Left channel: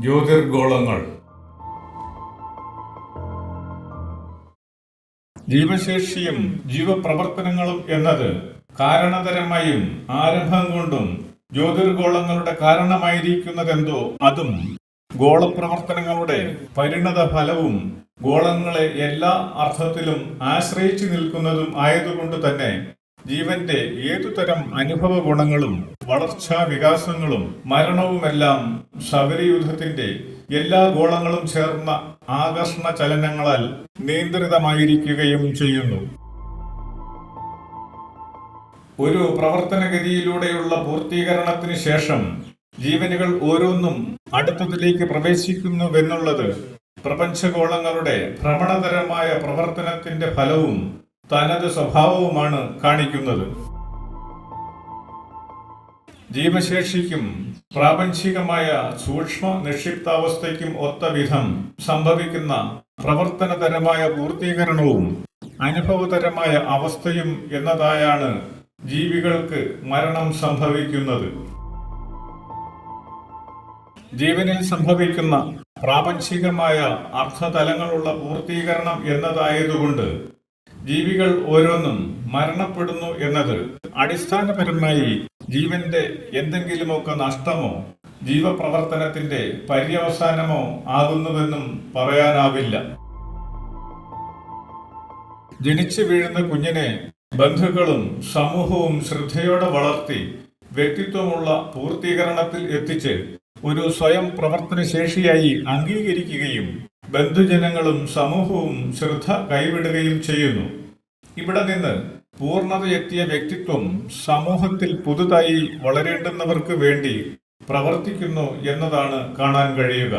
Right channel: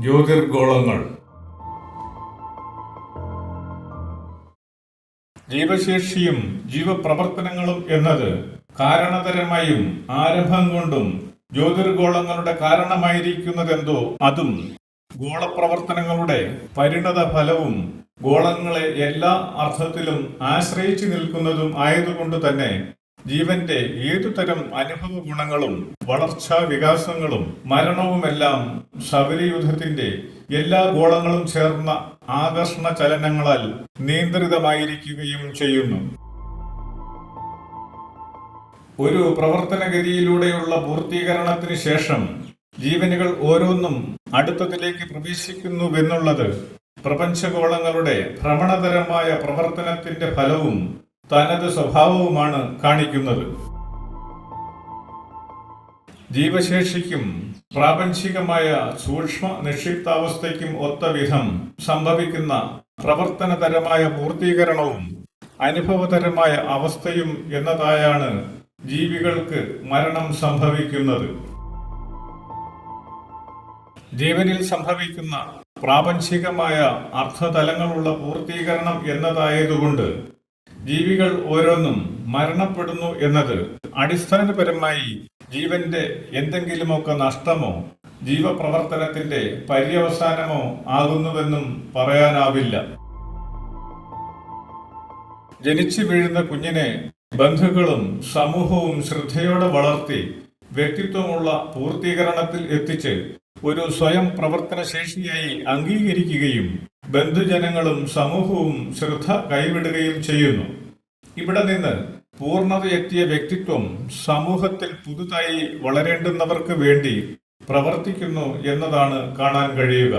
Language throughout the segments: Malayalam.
ജ്യോതിർഗോളങ്ങൾ. ജീവശേഷിയും ജീവപ്രവർത്തനങ്ങളും എന്നത് കാരണതരമായും ആരംഭം കൊണ്ടും ജ്യോതിർഗോളങ്ങളുടെ കാരണമായിരിക്കുന്നതെന്തോ അതും ഗോളപ്രവർത്തനങ്ങളുടെ പരിണത ഫലവും ഗോളങ്ങളെ എല്ലാ അർത്ഥത്തിലും ആശ്രയിച്ചു നിൽക്കുന്നതും ആയതുകൊണ്ട് തന്നെ ജീവന്റെ ഏതുതരം അനുഭവ ഗുണങ്ങളും വളർച്ചാ വികാസങ്ങളും മരണവുമെല്ലാം സൗരയൂഥത്തിന്റെ എല്ലാ ഗോളങ്ങളും ചേർന്ന ആകർഷണ ചലനങ്ങളാൽ നിയന്ത്രിതമായിരിക്കുകയും ചെയ്യുന്നു. ഒരു പ്രവർത്തനഗതിയിലൂടെയുള്ള പൂർത്തീകരണത്തിന് ശേഷം ജീവനുകൾ ഓരോന്നും അടുത്തതിലേക്ക് പ്രവേശിക്കുന്നുവെന്നുള്ളത് പ്രപഞ്ചഗോളങ്ങളുടെ ഭ്രമണതരമായ പ്രവർത്തനത്തിന്റെ ഫലവും തനത് സ്വഭാവവുമാണ് കാണിക്കുന്നത്. ജീവശേഷിക്കും പ്രാപഞ്ചികമായ സൂക്ഷ്മ നിക്ഷിപ്താവസ്ഥയ്ക്കും ഒത്ത വിധം സംഭവിക്കുന്ന പ്രവർത്തനതരമായ പൂർത്തീകരണവും അനുഭവതരമായ അവസ്ഥയും എന്നതായാണ് ജീവികൾക്ക് മരണം സംഭവിക്കുന്നത്. ജീവനിൽ സംഭവിക്കുന്ന പ്രാപഞ്ചികമായ അർത്ഥതലങ്ങളുള്ള പൂർത്തീകരണം എന്നതായതുകൊണ്ട് ജീവികൾ ഓരോന്നും മരണപ്പെടുന്നു എന്നത് അടിസ്ഥാനപരമായി ജീവന്റെ എന്തെങ്കിലുമൊക്കെ നഷ്ടമോ ജീവപ്രവർത്തനത്തിന്റെ പര്യവസാനമോ ആകുന്നുവെന്നും പറയാനാവില്ല. ജനിച്ചു വീഴുന്ന കുഞ്ഞിനെ ബന്ധുക്കളും സമൂഹവും ശ്രദ്ധയോടെ വളർത്തി വ്യക്തിത്വമുള്ള പൂർത്തീകരണത്തിൽ എത്തിച്ച് ഒരു സ്വയം പ്രവർത്തനശേഷിയായി അംഗീകരിക്കുകയും ബന്ധുജനങ്ങളും സമൂഹവും ശ്രദ്ധ കൈവിടുകയും ചെയ്യുന്നു. ഇവിടെ നിന്ന് പൂർണ്ണതയെത്തിയ വ്യക്തിത്വം സമൂഹത്തിൽ പുതുതായി വളരേണ്ടുന്നവർക്ക് വേണ്ടി പ്രവർത്തിക്കുന്നു എന്നതാണ് കാണാൻ കഴിയുക.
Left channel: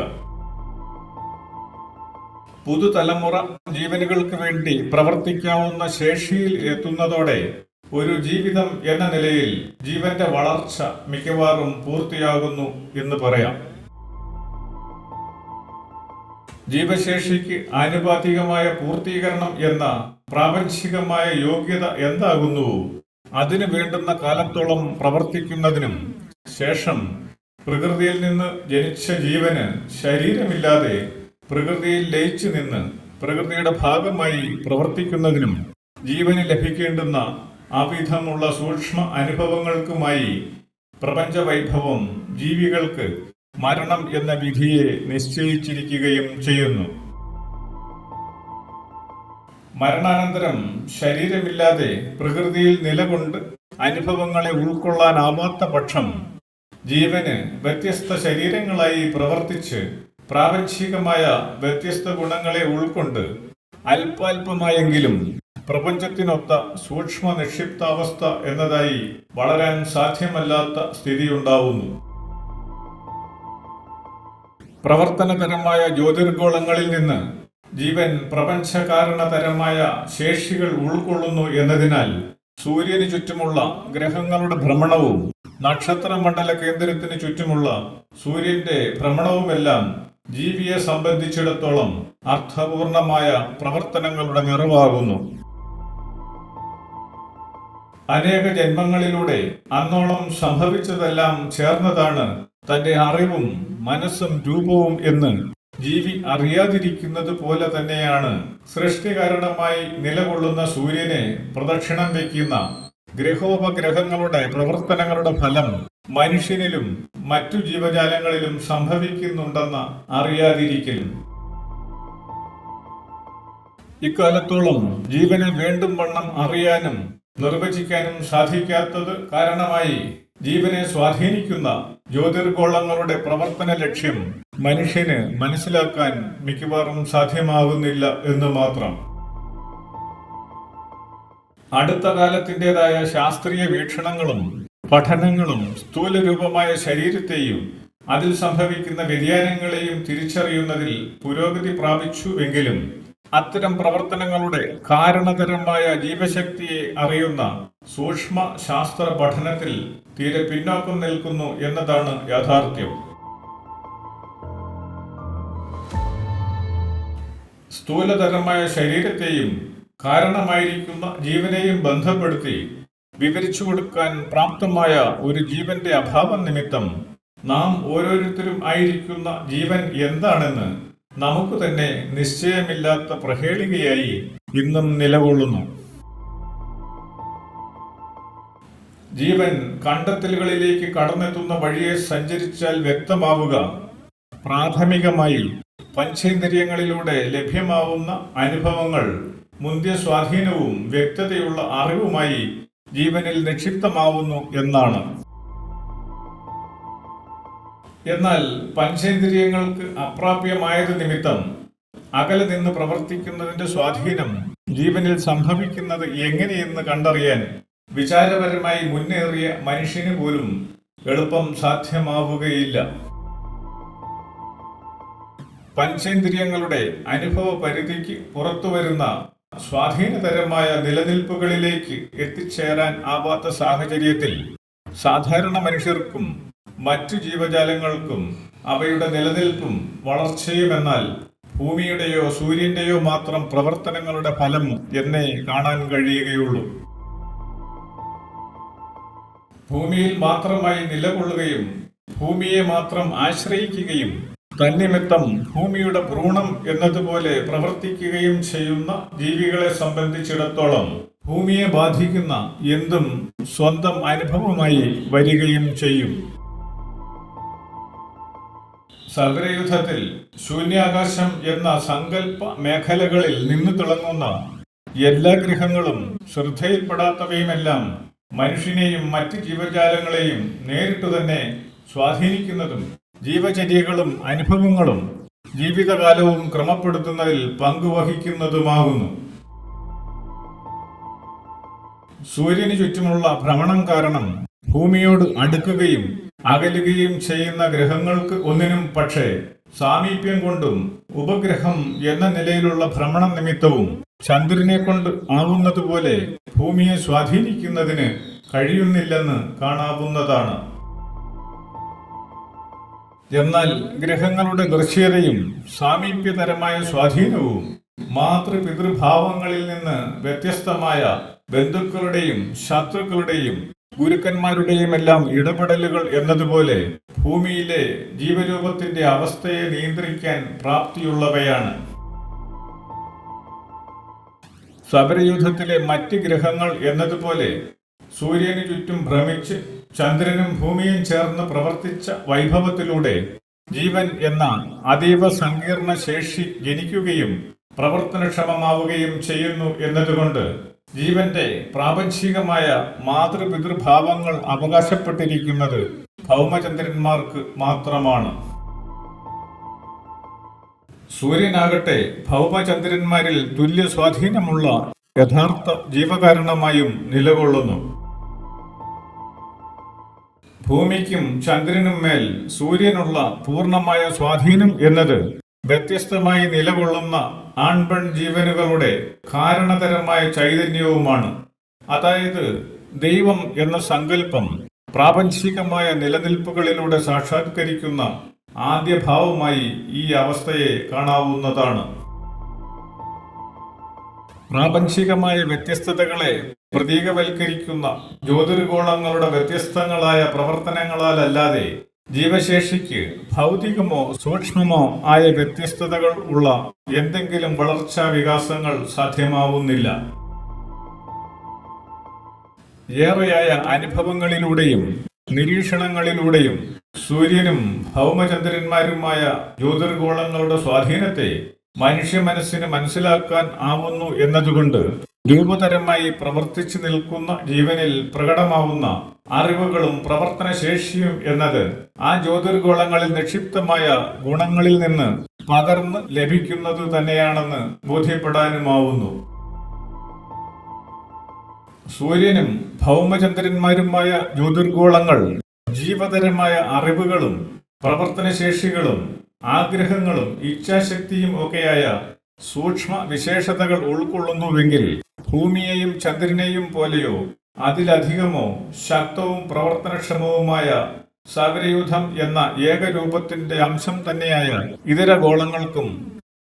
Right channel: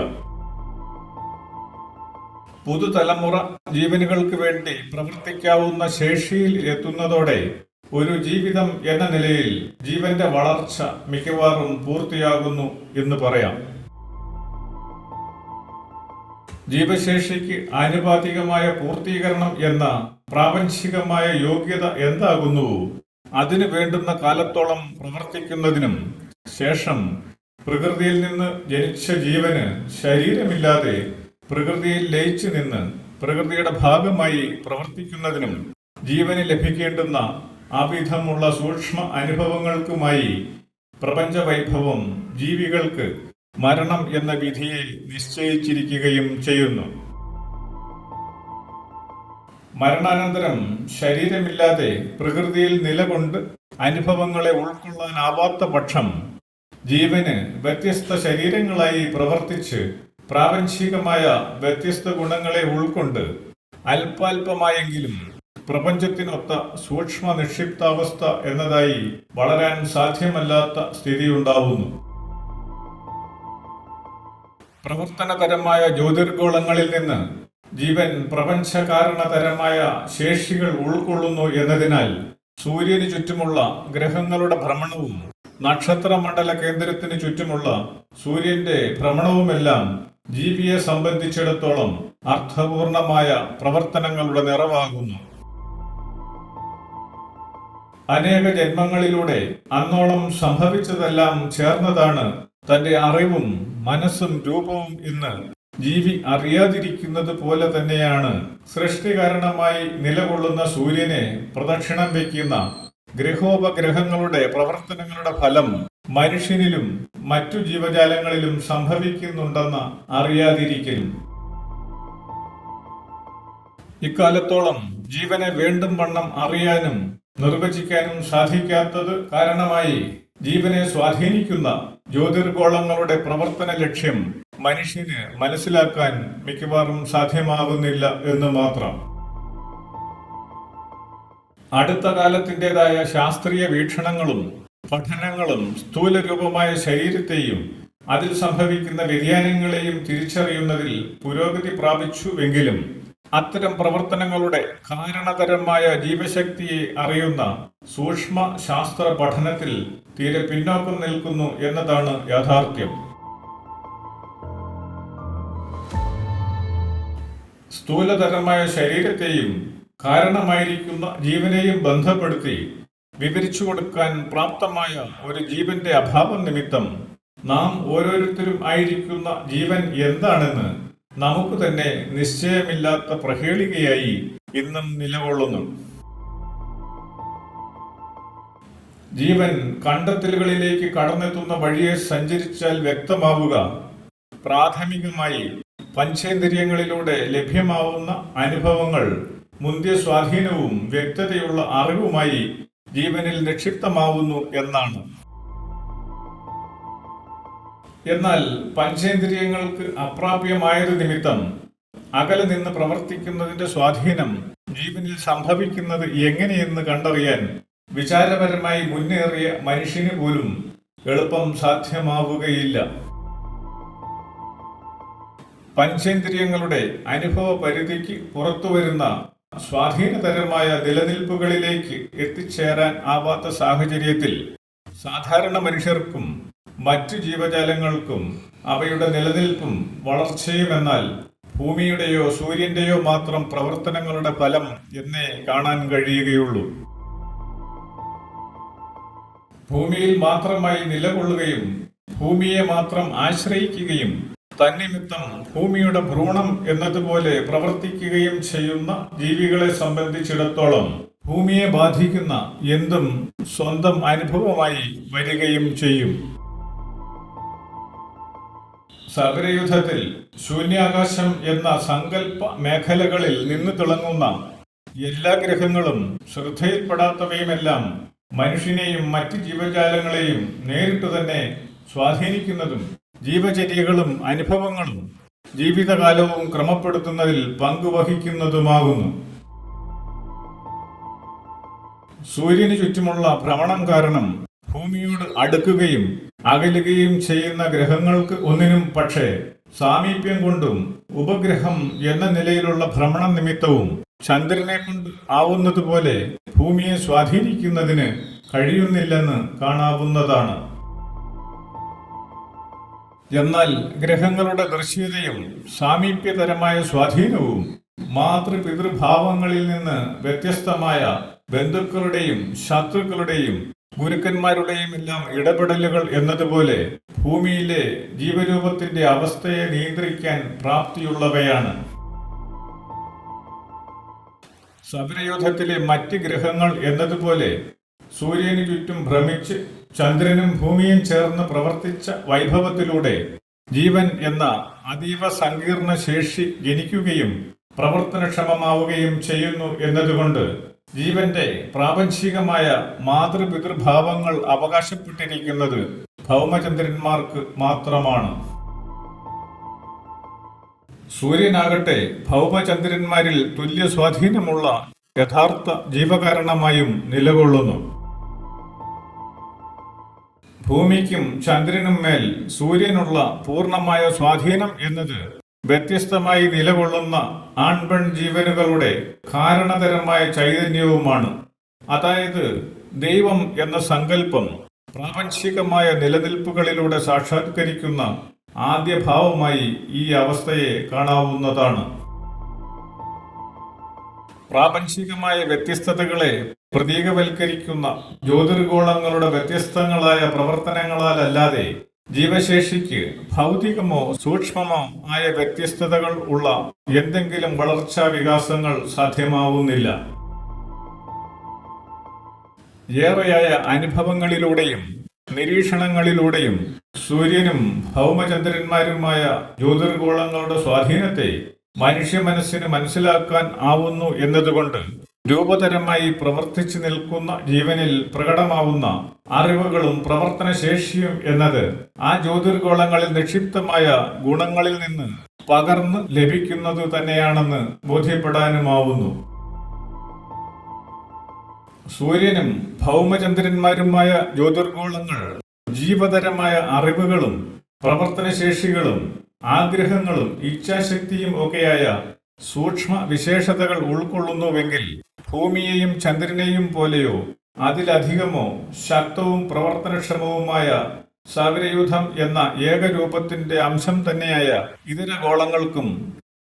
പുതുതലമുറ ജീവനുകൾക്ക് വേണ്ടി പ്രവർത്തിക്കാവുന്ന ശേഷിയിൽ എത്തുന്നതോടെ ഒരു ജീവിതം എന്ന നിലയിൽ ജീവന്റെ വളർച്ച മിക്കവാറും പൂർത്തിയാകുന്നു എന്ന് പറയാം. ജീവശേഷിക്ക് ആനുപാതികമായ പൂർത്തീകരണം എന്ന പ്രാപഞ്ചികമായ യോഗ്യത എന്താകുന്നുവോ അതിനു വേണ്ടുന്ന കാലത്തോളം പ്രവർത്തിക്കുന്നതിനും ശേഷം പ്രകൃതിയിൽ നിന്ന് ജനിച്ച ജീവന് ശരീരമില്ലാതെ പ്രകൃതിയിൽ ലയിച്ചു നിന്ന് പ്രകൃതിയുടെ ഭാഗമായി പ്രവർത്തിക്കുന്നതിനും ജീവന് ലഭിക്കേണ്ടുന്ന അവിധമുള്ള സൂക്ഷ്മ അനുഭവങ്ങൾക്കുമായി പ്രപഞ്ചവൈഭവം ജീവികൾക്ക് മരണം എന്ന വിധിയെ നിശ്ചയിച്ചിരിക്കുകയും ചെയ്യുന്നു. മരണാനന്തരം ശരീരമില്ലാതെ പ്രകൃതിയിൽ നിലകൊണ്ട് അനുഭവങ്ങളെ ഉൾക്കൊള്ളാനാവാത്ത പക്ഷം ജീവന് വ്യത്യസ്ത ശരീരങ്ങളായി പ്രവർത്തിച്ച് പ്രാപഞ്ചികമായ വ്യത്യസ്ത ഗുണങ്ങളെ ഉൾക്കൊണ്ട് അല്പാൽപമായെങ്കിലും പ്രപഞ്ചത്തിനൊത്ത സൂക്ഷ്മ നിക്ഷിപ്താവസ്ഥ എന്നതായി വളരാൻ സാധ്യമല്ലാത്ത സ്ഥിതിയുണ്ടാവുന്നു. പ്രവർത്തനതരമായ ജ്യോതിർഗോളങ്ങളിൽ നിന്ന് ജീവൻ പ്രപഞ്ചകാരണതരമായ ശേഷികൾ ഉൾക്കൊള്ളുന്നു എന്നതിനാൽ സൂര്യന് ചുറ്റുമുള്ള ഗ്രഹങ്ങളുടെ ഭ്രമണവും നക്ഷത്രമണ്ഡല കേന്ദ്രത്തിന് ചുറ്റുമുള്ള സൂര്യന്റെ ഭ്രമണവുമെല്ലാം ജീവിയെ സംബന്ധിച്ചിടത്തോളം അർത്ഥപൂർണമായ പ്രവർത്തനങ്ങളുടെ നിറവാകുന്നു. അനേക ജന്മങ്ങളിലൂടെ അന്നോളം സംഭവിച്ചതെല്ലാം ചേർന്നതാണ് തന്റെ അറിവും മനസ്സും രൂപവും എന്ന് ജീവി അറിയാതിരിക്കുന്നത് പോലെ തന്നെയാണ് സൃഷ്ടികാരണമായി നിലകൊള്ളുന്ന സൂര്യനെ പ്രദക്ഷിണം വയ്ക്കുന്ന ഗ്രഹോപഗ്രഹങ്ങളുടെ പ്രവർത്തനങ്ങളുടെ ഫലം മനുഷ്യനിലും മറ്റു ജീവജാലങ്ങളിലും സംഭവിക്കുന്നുണ്ടെന്ന അറിയാതിരിക്കലും. ഇക്കാലത്തോളം ജീവനെ വേണ്ടും വണ്ണം അറിയാനും നിർവചിക്കാനും സാധിക്കാത്തത് കാരണമായി ജീവനെ സ്വാധീനിക്കുന്ന ജ്യോതിർഗോളങ്ങളുടെ പ്രവർത്തന ലക്ഷ്യം മനുഷ്യന് മനസ്സിലാക്കാൻ മിക്കവാറും സാധ്യമാകുന്നില്ല എന്ന് മാത്രം. അടുത്ത കാലത്തിൻ്റെതായ ശാസ്ത്രീയ വീക്ഷണങ്ങളും പഠനങ്ങളും സ്ഥൂലരൂപമായ ശരീരത്തെയും അതിൽ സംഭവിക്കുന്ന വ്യതിയാനങ്ങളെയും തിരിച്ചറിയുന്നതിൽ പുരോഗതി പ്രാപിച്ചുവെങ്കിലും അത്തരം പ്രവർത്തനങ്ങളുടെ കാരണതരമായ ജീവശക്തിയെ അറിയുന്ന സൂക്ഷ്മ ശാസ്ത്ര പഠനത്തിൽ തീരെ പിന്നോക്കം നിൽക്കുന്നു എന്നതാണ് യാഥാർത്ഥ്യം. സ്ഥൂലതരമായ ശരീരത്തെയും കാരണമായിരിക്കുന്ന ജീവനെയും ബന്ധപ്പെടുത്തി വിവരിച്ചു കൊടുക്കാൻ പ്രാപ്തമായ ഒരു ജീവന്റെ അഭാവം നിമിത്തം നാം ഓരോരുത്തരും ആയിരിക്കുന്ന ജീവൻ എന്താണെന്ന് നമുക്ക് തന്നെ നിശ്ചയമില്ലാത്ത പ്രഹേളികയായി ഇന്നും നിലകൊള്ളുന്നു. ജീവൻ കണ്ടെത്തലുകളിലേക്ക് കടന്നെത്തുന്ന വഴിയെ സഞ്ചരിച്ചാൽ വ്യക്തമാവുക പ്രാഥമികമായി പഞ്ചേന്ദ്രിയങ്ങളിലൂടെ ലഭ്യമാവുന്ന അനുഭവങ്ങൾ മുന്തിയ സ്വാധീനവും വ്യക്തതയുള്ള അറിവുമായി ജീവനിൽ നിക്ഷിപ്തമാവുന്നു എന്നാണ്. എന്നാൽ പഞ്ചേന്ദ്രിയങ്ങൾക്ക് അപ്രാപ്യമായത് നിമിത്തം അകലെ നിന്ന് പ്രവർത്തിക്കുന്നതിൻ്റെ സ്വാധീനം ജീവനിൽ സംഭവിക്കുന്നത് എങ്ങനെയെന്ന് കണ്ടറിയാൻ വിചാരപരമായി മുന്നേറിയ മനുഷ്യന് പോലും എളുപ്പം സാധ്യമാവുകയില്ല. പഞ്ചേന്ദ്രിയങ്ങളുടെ അനുഭവ പരിധിക്ക് പുറത്തുവരുന്ന സ്വാധീനതരമായ നിലനിൽപ്പുകളിലേക്ക് എത്തിച്ചേരാൻ ആവാത്ത സാഹചര്യത്തിൽ സാധാരണ മനുഷ്യർക്കും മറ്റു ജീവജാലങ്ങൾക്കും അവയുടെ നിലനിൽപ്പും വളർച്ചയുമെന്നാൽ ഭൂമിയുടെയോ സൂര്യൻ്റെയോ മാത്രം പ്രവർത്തനങ്ങളുടെ ഫലം എന്നേ കാണാൻ കഴിയുകയുള്ളൂ. ഭൂമിയിൽ മാത്രമായി നിലകൊള്ളുകയും ഭൂമിയെ മാത്രം ആശ്രയിക്കുകയും തന്നിമിത്തം ഭൂമിയുടെ ഭ്രൂണം എന്നതുപോലെ പ്രവർത്തിക്കുകയും ചെയ്യുന്ന ജീവികളെ സംബന്ധിച്ചിടത്തോളം ഭൂമിയെ ബാധിക്കുന്ന എന്തും സ്വന്തം അനുഭവമായി വരികയും ചെയ്യും. സൗരയൂഥത്തിൽ ശൂന്യാകാശം എന്ന സങ്കല്പ മേഖലകളിൽ നിന്നു തിളങ്ങുന്ന എല്ലാ ഗ്രഹങ്ങളും ശ്രദ്ധയിൽപ്പെടാത്തവയുമെല്ലാം മനുഷ്യനെയും മറ്റ് ജീവജാലങ്ങളെയും നേരിട്ടു തന്നെ സ്വാധീനിക്കുന്നതും ജീവചര്യകളും അനുഭവങ്ങളും ജീവിതകാലവും ക്രമപ്പെടുത്തുന്നതിൽ പങ്കുവഹിക്കുന്നതുമാകുന്നു. സൂര്യന് ചുറ്റുമുള്ള ഭ്രമണം കാരണം ഭൂമിയോട് അടുക്കുകയും അകലുകയും ചെയ്യുന്ന ഗ്രഹങ്ങൾക്ക് ഒന്നിനും പക്ഷേ സാമീപ്യം കൊണ്ടും ഉപഗ്രഹം എന്ന നിലയിലുള്ള ഭ്രമണം നിമിത്തവും ചന്ദ്രനെ കൊണ്ട് ആവുന്നതുപോലെ ഭൂമിയെ സ്വാധീനിക്കുന്നതിന് കഴിയുന്നില്ലെന്ന് കാണാവുന്നതാണ്. എന്നാൽ ഗ്രഹങ്ങളുടെ ദൃശ്യതയും സാമീപ്യതരമായ സ്വാധീനവും മാതൃപിതൃഭാവങ്ങളിൽ നിന്ന് വ്യത്യസ്തമായ ബന്ധുക്കളുടെയും ശത്രുക്കളുടെയും ഗുരുക്കന്മാരുടെയുമെല്ലാം ഇടപെടലുകൾ എന്നതുപോലെ ഭൂമിയിലെ ജീവരൂപത്തിന്റെ അവസ്ഥയെ നിയന്ത്രിക്കാൻ പ്രാപ്തിയുള്ളവയാണ്. സൗരയൂഥത്തിലെ മറ്റ് ഗ്രഹങ്ങൾ എന്നതുപോലെ സൂര്യന് ചുറ്റും ഭ്രമിച്ച് ചന്ദ്രനും ഭൂമിയും ചേർന്ന് പ്രവർത്തിച്ച വൈഭവത്തിലൂടെ ജീവൻ എന്ന അതീവ സങ്കീർണ ശേഷി ജനിക്കുകയും പ്രവർത്തനക്ഷമമാവുകയും ചെയ്യുന്നു എന്നതുകൊണ്ട് ജീവന്റെ പ്രാപഞ്ചികമായ മാതൃപിതൃഭാവങ്ങൾ അവകാശപ്പെട്ടിരിക്കുന്നത് ഭൗമചന്ദ്രന്മാർക്ക് മാത്രമാണ്. സൂര്യനാകട്ടെ ഭൗമചന്ദ്രന്മാരിൽ തുല്യ സ്വാധീനമുള്ള യഥാർത്ഥ ജീവകാരണമായും നിലകൊള്ളുന്നു. ഭൂമിക്കും ചന്ദ്രനും മേൽ സൂര്യനുള്ള പൂർണ്ണമായ സ്വാധീനം എന്നത് വ്യത്യസ്തമായി നിലകൊള്ളുന്ന ആൺപെൺ ജീവനുകളുടെ കാരണതരമായ ചൈതന്യവുമാണ്. അതായത് ദൈവം എന്ന സങ്കല്പം പ്രാപഞ്ചികമായ നിലനിൽപ്പുകളിലൂടെ സാക്ഷാത്കരിക്കുന്ന ആദ്യഭാവമായി ഈ അവസ്ഥയെ കാണാവുന്നതാണ്. പ്രാപഞ്ചികമായ വ്യത്യസ്തതകളെ പ്രതീകവൽക്കരിക്കുന്ന ജ്യോതിർഗോളങ്ങളുടെ വ്യത്യസ്തങ്ങളായ പ്രവർത്തനങ്ങളാലല്ലാതെ ജീവശേഷിക്ക് ഭൗതികമോ സൂക്ഷ്മമോ ആയ വ്യത്യസ്തതകൾ ഉള്ള എന്തെങ്കിലും വളർച്ചാ വികാസങ്ങൾ സാധ്യമാവുന്നില്ല. ഏറെയായ അനുഭവങ്ങളിലൂടെയും നിരീക്ഷണങ്ങളിലൂടെയും സൂര്യനും ഭൗമചന്ദ്രന്മാരുമായ ജ്യോതിർഗോളങ്ങളുടെ സ്വാധീനത്തെ മനുഷ്യ മനസ്സിന് മനസ്സിലാക്കാൻ ആവുന്നു എന്നതുകൊണ്ട് രൂപതരമായി പ്രവർത്തിച്ചു നിൽക്കുന്ന ജീവനിൽ പ്രകടമാവുന്ന അറിവുകളും പ്രവർത്തനശേഷിയും എന്നത് ആ ജ്യോതിർഗോളങ്ങളിൽ നിക്ഷിപ്തമായ ഗുണങ്ങളിൽ നിന്ന് പകർന്ന് ലഭിക്കുന്നത് തന്നെയാണെന്ന് ബോധ്യപ്പെടാനുമാവുന്നു. സൂര്യനും ഭൗമചന്ദ്രന്മാരുമായ ജ്യോതിർഗോളങ്ങൾ ജീവതരമായ അറിവുകളും പ്രവർത്തനശേഷികളും ആഗ്രഹങ്ങളും ഇച്ഛാശക്തിയും ഒക്കെയായ സൂക്ഷ്മ വിശേഷതകൾ ഉൾക്കൊള്ളുന്നുവെങ്കിൽ ഭൂമിയെയും ചന്ദ്രനെയും പോലെയോ അതിലധികമോ ശക്തവും പ്രവർത്തനക്ഷമവുമായ സൗരയൂഥം എന്ന ഏകരൂപത്തിന്റെ അംശം തന്നെയായ ഇതര ഗോളങ്ങൾക്കും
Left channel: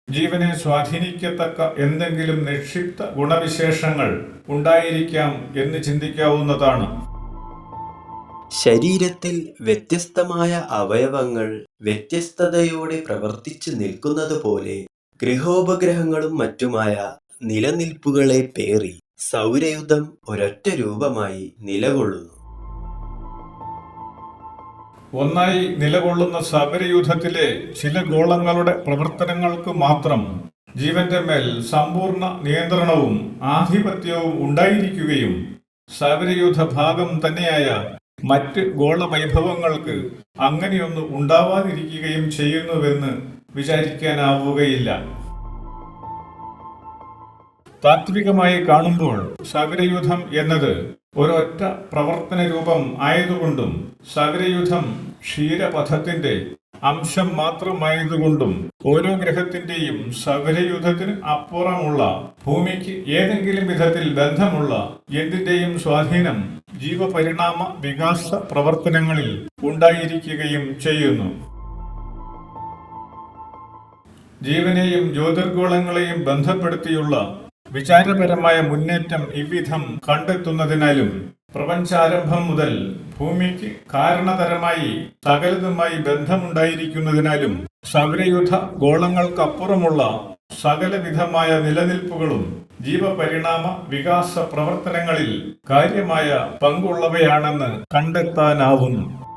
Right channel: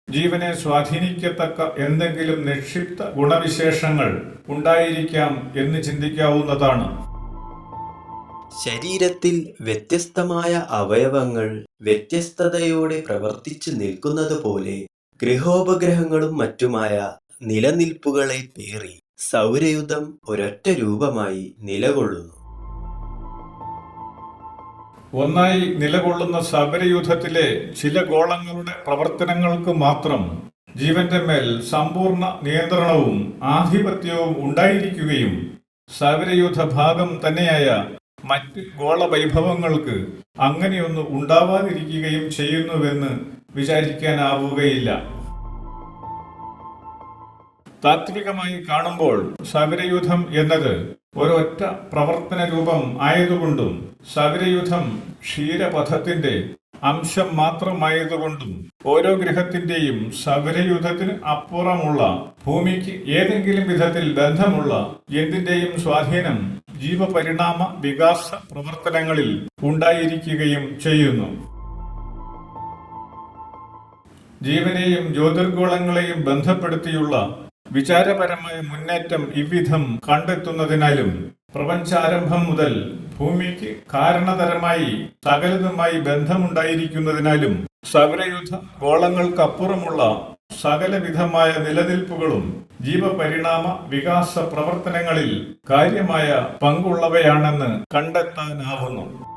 ജീവനെ സ്വാധീനിക്കത്തക്ക എന്തെങ്കിലും നിക്ഷിപ്ത ഗുണവിശേഷങ്ങൾ ഉണ്ടായിരിക്കാം എന്ന് ചിന്തിക്കാവുന്നതാണ്. ശരീരത്തിൽ വ്യത്യസ്തമായ അവയവങ്ങൾ വ്യത്യസ്തതയോടെ പ്രവർത്തിച്ചു നിൽക്കുന്നതുപോലെ ഗൃഹോപഗ്രഹങ്ങളും മറ്റുമായ നിലനിൽപ്പുകളെ പേറി സൗരയൂഥം ഒരൊറ്റ രൂപമായി നിലകൊള്ളുന്നു. ഒന്നായി നിലകൊള്ളുന്ന സൗരയൂഥത്തിലെ ചില ഗോളങ്ങളുടെ പ്രവർത്തനങ്ങൾക്ക് മാത്രം ജീവന്റെ മേൽ സമ്പൂർണ്ണ നിയന്ത്രണവും ആധിപത്യവും ഉണ്ടായിരിക്കുകയും സൗരയൂഥ ഭാഗം തന്നെയായ മറ്റ് ഗോളവൈഭവങ്ങൾക്ക് അങ്ങനെയൊന്ന് ഉണ്ടാവാതിരിക്കുകയും ചെയ്യുന്നുവെന്ന് വിചാരിക്കാനാവുകയില്ല. താത്വികമായി കാണുമ്പോൾ സൗരയൂഥം എന്നത് ഒരൊറ്റ പ്രവർത്തന രൂപം ആയതുകൊണ്ടും സൗരയൂഥം ക്ഷീരപഥത്തിന്റെ അംശം മാത്രമായതുകൊണ്ടും ഓരോ ഗ്രഹത്തിന്റെയും സൗരയൂഥത്തിന് അപ്പുറമുള്ള ഭൂമിക്ക് ഏതെങ്കിലും വിധത്തിൽ ബന്ധമുള്ള എന്തിന്റെയും സ്വാധീനം ജീവപരിണാമ വികാസ പ്രവർത്തനങ്ങളിൽ ഉണ്ടായിരിക്കുകയും ചെയ്യുന്നു. ജീവനെയും ജ്യോതിർഗോളങ്ങളെയും ബന്ധപ്പെടുത്തിയുള്ള വിചാരപരമായ മുന്നേറ്റം ഇவ்விധം കണ്ടെത്തുന്നതിനാലും പ്രപഞ്ചാരംഭം മുതൽ ഭൂമിക്ക് കാരണതരമായി സകലതുമായി ബന്ധമുണ്ടായിരിക്കുന്നതിനാലും സൗരയൂഥ ഗോളങ്ങൾക്കപ്പുറമുള്ള സകലവിധമായ നിലനിൽപ്പുകളും ജീവപരിണാമ വികാസ പ്രവർത്തനങ്ങളിൽ കാര്യമായ പങ്കുള്ളവയാണെന്ന് കണ്ടെത്താനാവുന്നു.